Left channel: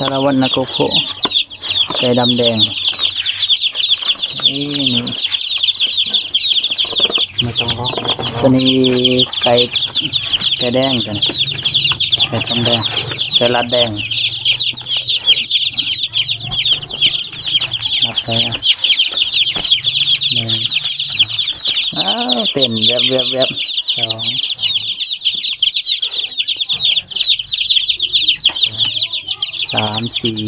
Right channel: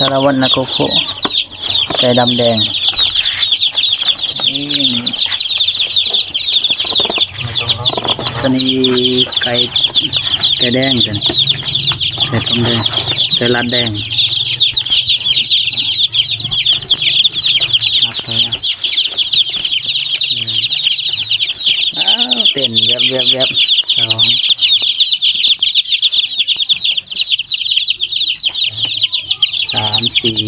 สารวัตรนาโกโคไก่ดำแดงนี่ไม่ต้องร้องตัวนี้ไก่แดงกันไก่ทองแดงไก่ลัดแดงนับไปอ่ะหนึ่งอ้าวเต้นแวบสองสามสี่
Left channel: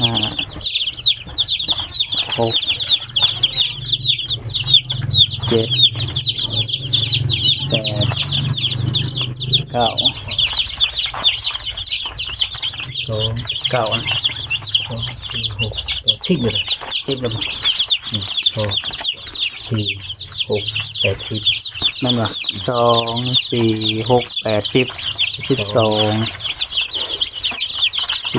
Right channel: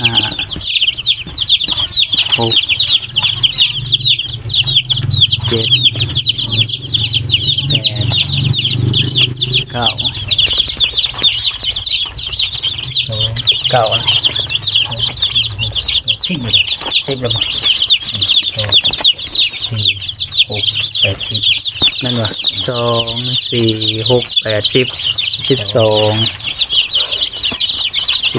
ห้าหกเจ็ดแปดเก้าสอง เก้านะ สามสี่หกแปดสิบเลย 10แล้วมั้ง สองสี่หกแปดสิบ นั่นวะ2 4 6 8 10 12 14 16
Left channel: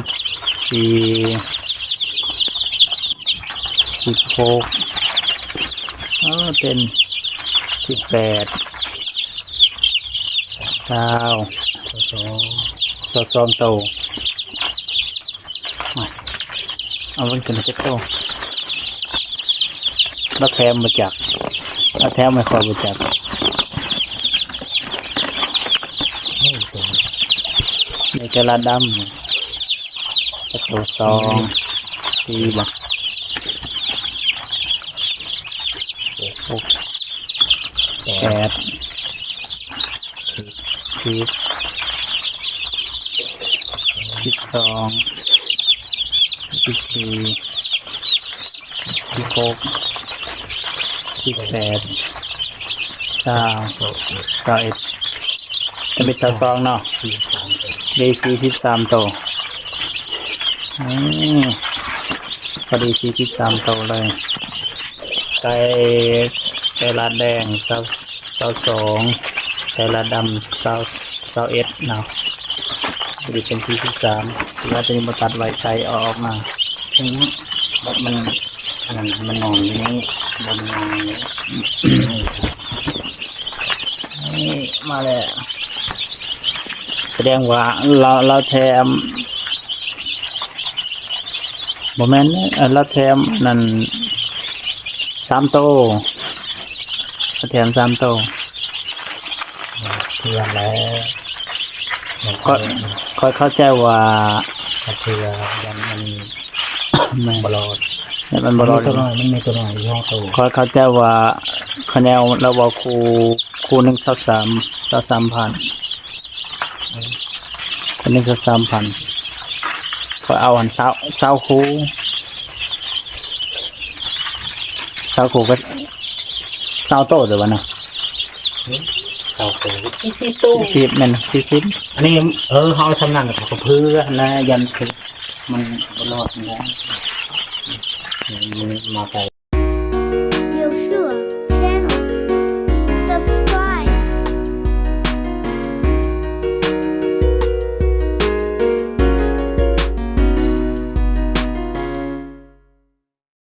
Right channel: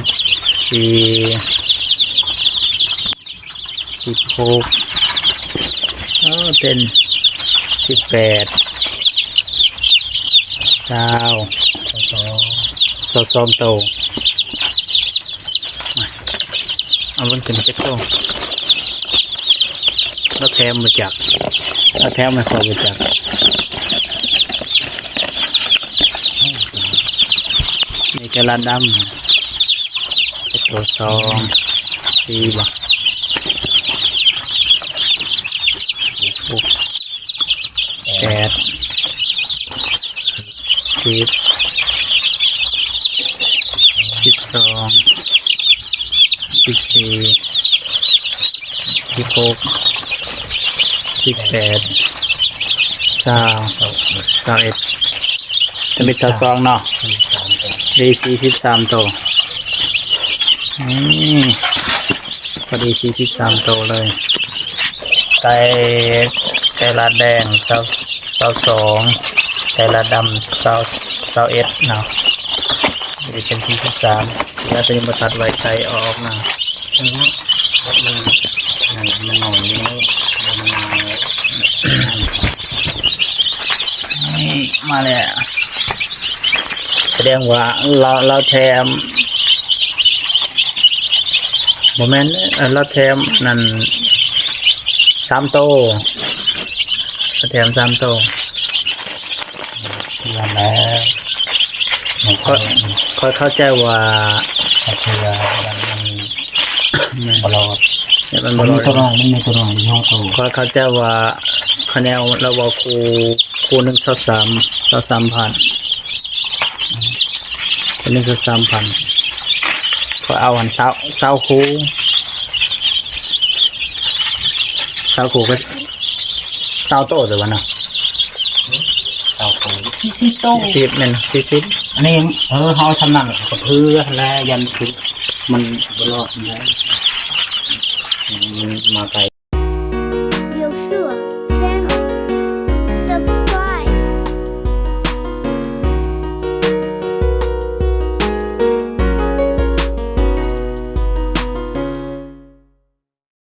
เต้น18 20 22โตเอาเบิ่งขึ้น7โตแล้วแถมมาจากแล้วแถมไม่ค่อยมาจากในกระลาดำตัว2 4บ่6 8 10 12 14 16 18 21จะเป็น22เนาะได้43โตพอดี43โตเลยไก่ลาดแดง22ไก่ลาดดำ21เนาะจะเป็น43แล้วตัวนี้มาตัดไว้ใส่ออกมา ใช่ไหมรถมันนอนอยู่นี่บนนอนนี่มาแล้วแสดงว่าเราแถมโมเมนต์เราแถมนั่น3โตเราแถม3โต เพื่อนแล้วมัน ค่อยเข้าใจว่า เพื่อมันบลอด เนี่ยมันบ มัน ร มี อด ตัวน้อยมันมีตัวน้อยย่อตัว ค่อยเข้าใจว่าคะแนนเราบอกครู1 23,000เป็น1 23,000ค่อยเอาหัน20ครูก็20โตเดี๋ยววะเนาะ เจ้าตัวสิบตัว 40แม่น40 อันนี้เขาชำนาญกับเพื่อแล้วยันถึงมันบลอดแล้วมันมาไกล